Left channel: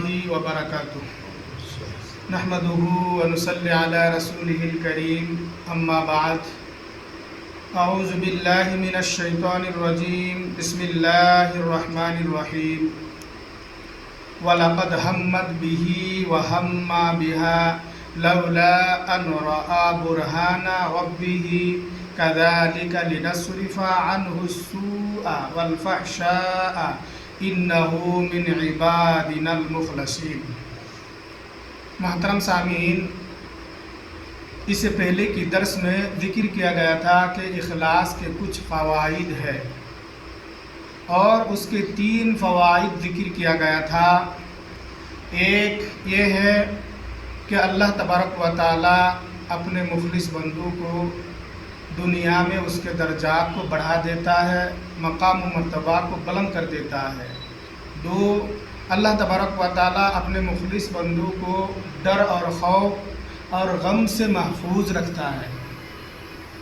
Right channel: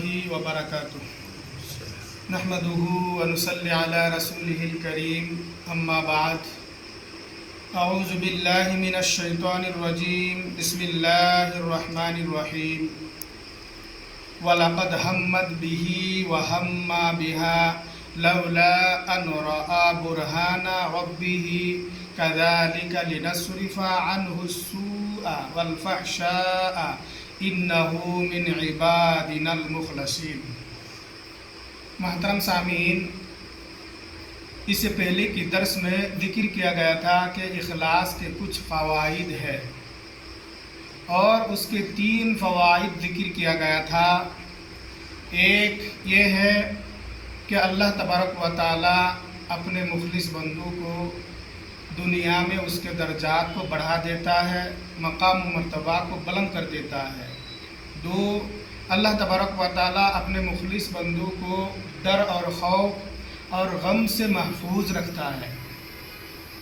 الله وبركاته نحمده ونصلي على رسوله الكريم أما بعد أعوذ بالله من الشيطان الرجيم بسم الله الرحمن الرحيم وَلَقَدْ هَمَّتْ بِهِ وَهَمَّ بِهَا لَوْلَا أَنْ رَأَى بُرْهَانَ رَبِّهِ كَذَلِكَ لِنَصْرِفَ عَنْهُ السُّوءَ وَالْفَحْشَاءَ إِنَّهُ مِنْ عِبَادِنَا الْمُخْلَصِينَ۔ محترم سامعین، اس سے پہلے کی درس میں ذکر کیا گیا تھا کہ اخلاص کے کچھ فوائد ہے اور اس کے 3 فوائد ذکر کیا گیا تھا۔ ایک یہ ہے کہ اللہ تبارک و تعالی اپنے مخلص بندوں کو دنیا میں اس کے درجات کو بڑھا دیتا ہے، مقام و مرتبہ کو بلند کر دیتا ہے۔ 2، اللہ تبارک و تعالی اپنے مخلص بندوں کو ڈر اور خوف اور غم سے محفوظ رکھتا ہے۔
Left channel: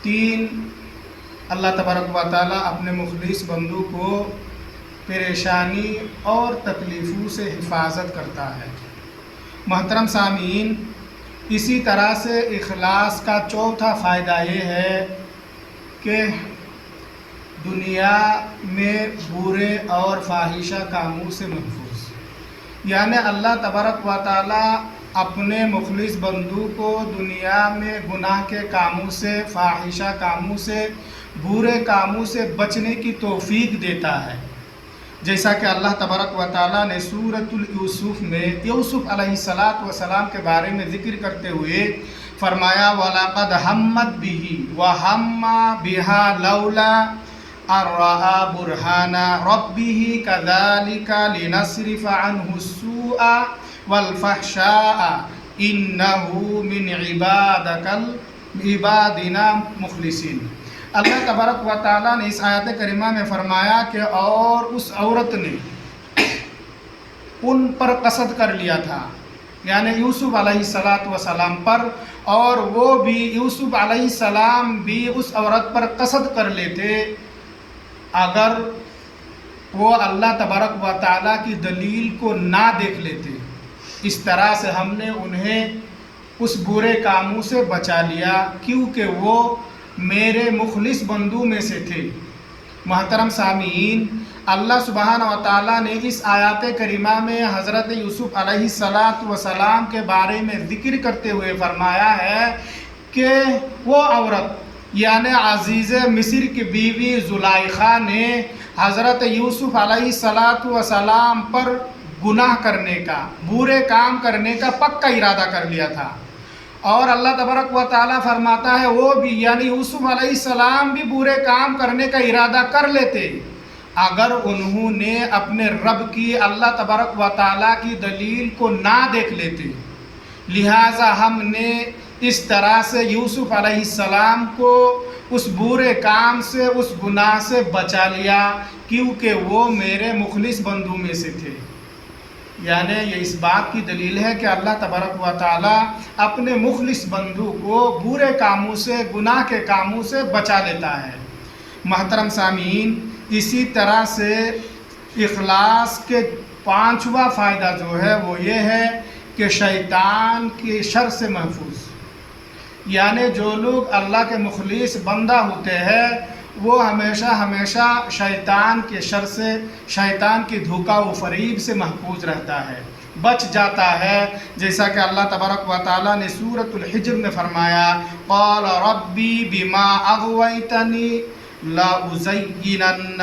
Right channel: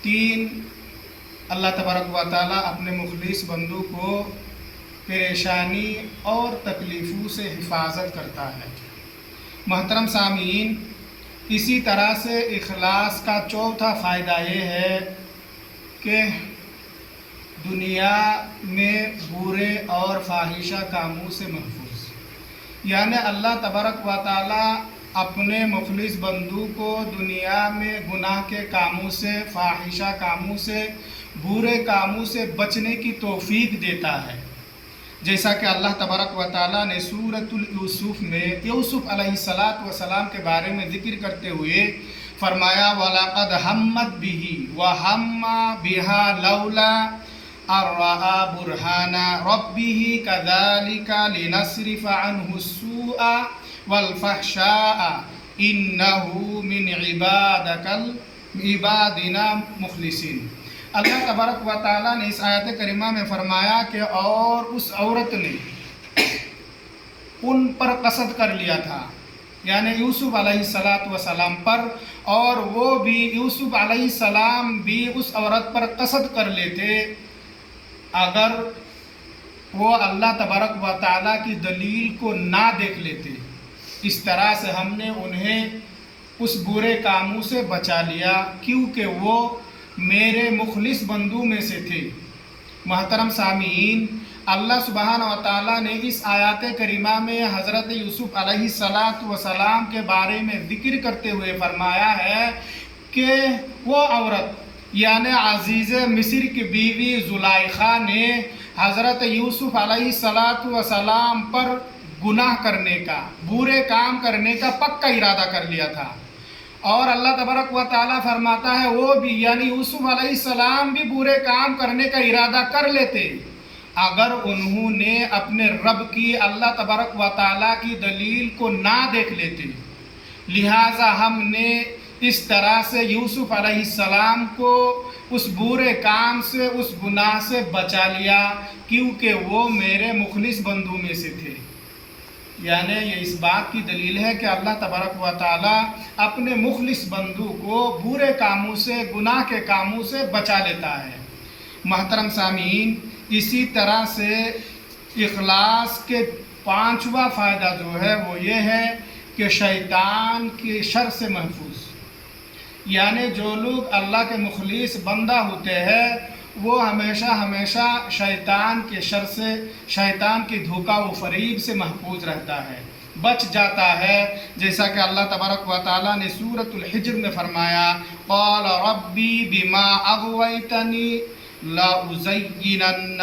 3، اللہ تبارک و تعالی اپنے مخلص بندوں کو پریشانی اور تکلیفوں سے حفاظت کرتا ہے۔ محترم سامعین، اسی طرح سے اخلاص کا چوتھا فائدہ یہ ہے کہ دنیا میں برے اور فاحشہ کاموں سے محفوظ، یعنی اللہ تبارک و تعالی اپنے مخلص بندوں کو دنیا میں گناہ کے کاموں سے، فاحشہ کاموں سے، برے کاموں سے بچنے کی توفیق دیتا ہے۔ جیسا کہ اللہ تبارک و تعالیٰ نے سورۃ یوسف میں یوسف علیہ السلام کے بارے میں ذکر کرتے ہوئے فرمایا وَلَقَدْ هَمَّتْ بِهِ وَهَمَّ بِهَا لَوْلَا أَن رَّأَىٰ بُرْهَانَ رَبِّهِ كَذَٰلِكَ لِنَصْرِفَ عَنْهُ السُّوءَ وَالْفَحْشَاءَ إِنَّهُ مِنْ عِبَادِنَا الْمُخْلَصِينَ۔ اللہ تبارک و تعالیٰ نے اس آیت کریمہ میں فرمایا کہ اور اس عورت نے ان پر قصد کر لیا تھا، یعنی یوسف علیہ السلام پر، اور وہ بھی یوسف علیہ السلام بھی اس عورت پر قصد کر لیتے اگر وہ اللہ تبارک و تعالیٰ کی دلیل کو نہ دیکھ لیتے۔ اس طرح سے ہم نے انہیں اس برے کاموں سے بچا لیا کیونکہ وہ میرے مخلص بندوں میں سے تھے۔ محترم سامعین، اللہ سبحانہ و تعالیٰ نے اس آیات کریمہ میں حضرت یوسف علیہ السلام کے بارے میں ذکر کرتے ہوئے فرمایا ہے کہ وہ عورت یعنی عزیز مصر کی بیوی زلیخا نے حضرت یوسف علیہ السلام پر گناہ کرنے کا، برے کام کرنے کا پکا ارادہ کر لیا تھا، اور اللہ تبارک و تعالیٰ فرماتا ہے وہ بھی یعنی یوسف علیہ السلام بھی برے کام کرنے کا ارادہ کر لیتے اگر انہوں نے اپنے رب کی، اللہ تبارک و تعالیٰ کی دلیل کو نہ دیکھ لیتے۔ لہٰذا ہم نے اس طرح سے یوسف علیہ السلام کو اس برے کام سے، اس گناہ سے بچا لیا کیونکہ وہ میرے مخلص بندوں میں سے تھے۔ یعنی یہ اس بات کی دلیل ہے کہ اللہ تبارک و تعالیٰ اپنے مخلص بندوں کو برے کاموں سے، گناہ کے کاموں سے بچا لیتا ہے۔ محترم سامعین، اسی طرح سے اخلاص کے 5واں فائدہ جو ہے وہ یہ ہے کہ شیطان کے شر سے محفوظ، یعنی جو لوگ اللہ کے مخلص بندہ ہوتے ہیں وہ ہمیشہ شیطان کے شر سے، شیطان کی دھوکہ و فریب سے محفوظ رہتا ہے، بچ جاتا ہے۔ جیسا کہ اللہ تبارک و تعالیٰ نے سورۃ الحجر میں فرمایا قال ربی بما اغویتنی لأزینن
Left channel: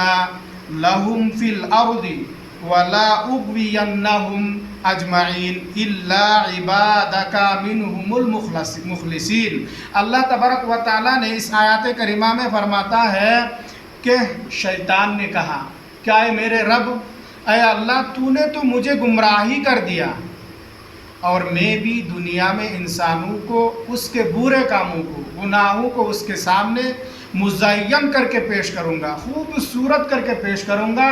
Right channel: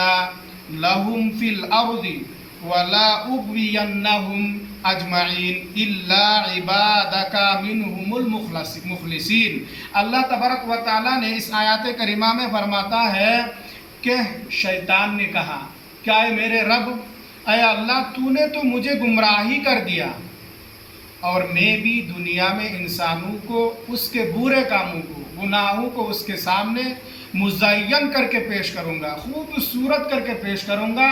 لہم فی الارض ولا اغوینہم اجمعین الا عبادک منہم المخلصین۔ اللہ تبارک و تعالیٰ نے اس آیات کریمہ میں فرماتا ہے کہ شیطان نے کہا کیا اے میرے رب، اے اللہ تو نے تو مجھے گمراہی کر دیا اور میں بھی دنیا میں انسانوں کو اس کے برے کاموں کو، گناہوں کو اس کے سامنے مزین کر کے پیش کروں گا، خوبصورت کر کے پیش کروں گا،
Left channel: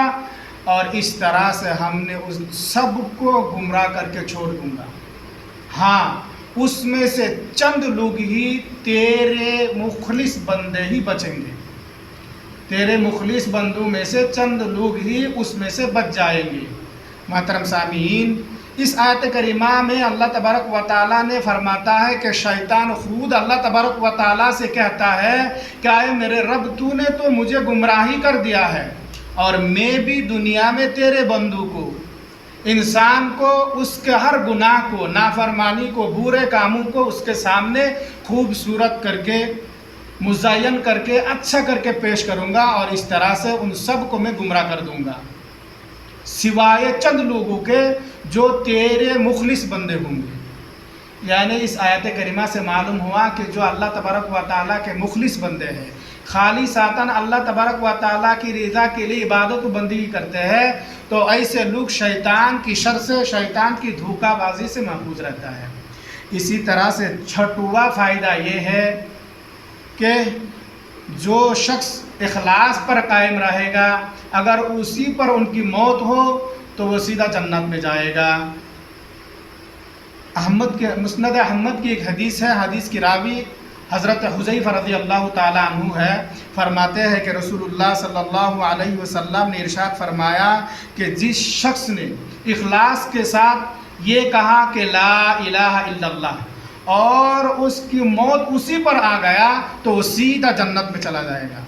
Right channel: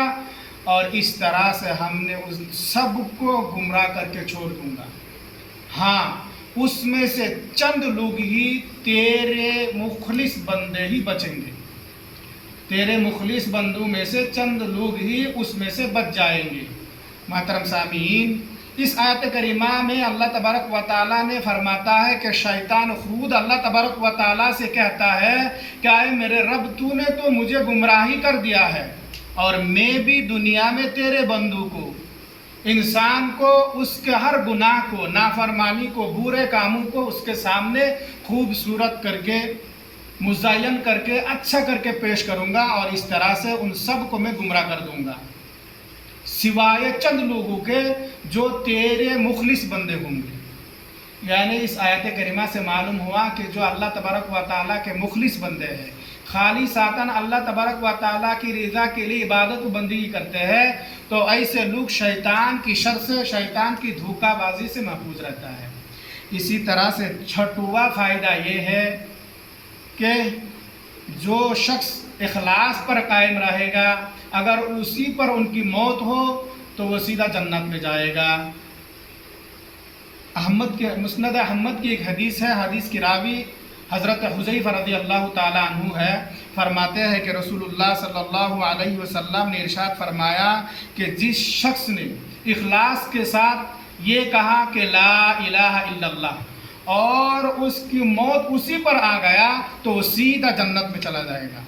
اور اس طرح سے ہم نے اس سب کو گمراہ کر کے چھوڑ دوں گا۔ ہاں، اس میں سے چند لوگ ہی تیرے مخلص بندے ہی بچیں گے، تیرے مخلص بندوں میں سے چند لوگ ہی اس میں سے بچ جائیں گے۔ محترم سامعین، اس آیت کریمہ میں اللہ تبارک و تعالیٰ نے فرماتا ہے کہ شیطان خود اللہ تبارک و تعالیٰ سے کہتا ہے کہ اے میرے رب تو نے تو مجھے گمراہی کر دیا ہے، اور میں بھی دنیا میں تیرے بندوں کو، انسان کو، اس کے ہر گناہ کو، نافرمانی کو، برے کاموں کو اس کے سامنے خوبصورت کر کے، مزین کر کے، اچھا کر کے پیش کروں گا، اور اس طرح سے ان سب کو میں گمراہ کر دوں گا، سوائے چند لوگوں کے جو تیرے مخلص بندے ہوں گے۔ یعنی اس آیت کریمہ سے معلوم ہوا کہ جو اللہ تبارک و تعالیٰ کے مخلص بندے ہیں، خالصتاً اللہ تبارک و تعالیٰ کی رضا کے لیے عبادت و بندگی کرتے ہیں، تو ایسے لوگ شیطان کی شر سے، شیطان کی دھوکہ بازی سے محفوظ رہتا ہے۔ اسی طرح سے چھٹواں فائدہ یہ ہے کہ جو شخص اخلاص پر قائم رہے گا، اگر اسی پر ان کی موت ہو تو وہ سیدھا جنت میں جائے گا۔ مسند احمد کی ایک حدیث ہے، حدیث کی راوی حضرت حذیفہ رضی اللہ تعالی عنہ ہے، فرماتے ہیں کہ رسول اللہ صلی اللہ علیہ وسلم نے ارشاد فرمایا کہ جس شخص نے اخلاص کے ساتھ یہ کہا کہ لا الہ الا اللہ، اور اس کی موت اسی پر آ گیا تو وہ سیدھا جنت میں چلا جائے گا۔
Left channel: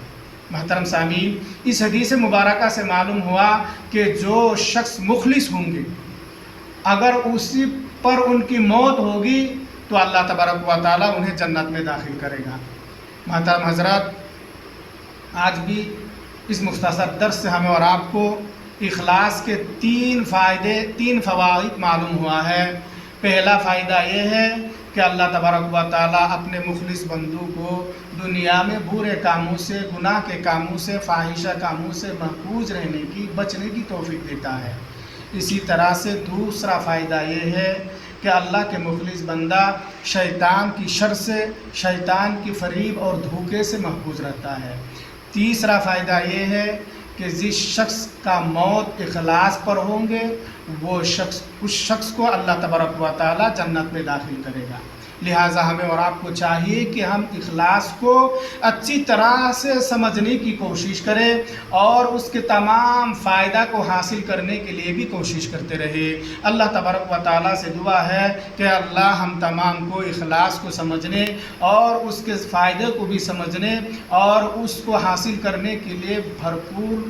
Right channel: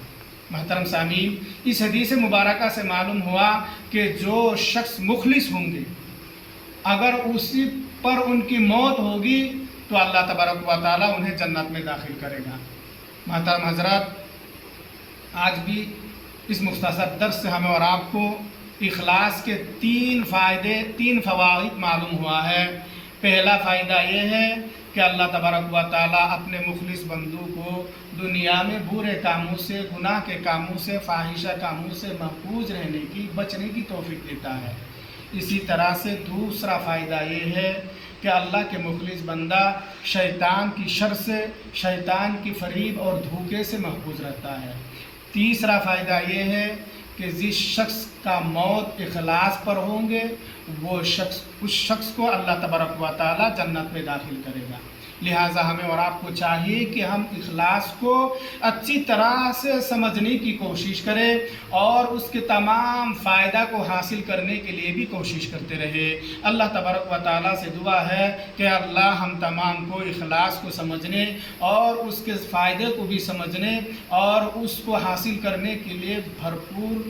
محترم سامعین، اس حدیث مبارکہ سے معلوم ہوا کہ جو شخص مخلص ہوں گے، اگر اسی پر ان کی موت ہوگی تو اللہ تبارک و تعالیٰ انہیں جنت میں داخل کرے گا۔ محترم حضرات، آج بھی اس مختصر درس سے ہمیں اور آپ کو اخلاص کے تین فوائد معلوم ہوا ہے۔ پہلا فائدہ یہ ہے کہ اللہ تبارک و تعالیٰ اپنے مخلص بندوں کو دنیا میں برے کاموں سے، گناہ کے کاموں سے، فاحشہ کاموں سے محفوظ رہنے کی، بچنے کی توفیق دیتا ہے۔ اسی طرح سے دوسرا فائدہ یہ ہے کہ اللہ کے مخلص بندہ شیطان کی شر سے، شیطان کی فریب اور دھوکے سے محفوظ رہتا ہے۔ تیسرا فائدہ یہ ہے کہ جس شخص کا موت اخلاص پر ہوں گے، اس شخص کو اللہ تبارک و تعالیٰ جنت میں داخل کرے گا۔ لہٰذا ہمیں اور آپ کو چاہیے کہ ہم اخلاص کو اچھی طرح سے سمجھنے کی کوشش کریں اور اس کے تمام فائدہ کو حاصل کرنے کے لیے بھی کوشش کرتے رہے۔ اللہ تبارک و تعالیٰ سے دعا ہے کہ اللہ ہم تمام کو اخلاص کو سمجھنے اور اس کے فائدے کو بھی سمجھنے اور اس کو حاصل کرنے کے لیے بھرپور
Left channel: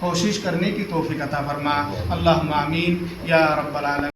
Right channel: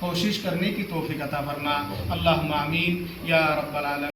کوشش کرنے کی توفیق عطا فرما۔ اللہم آمین یا رب العالمین۔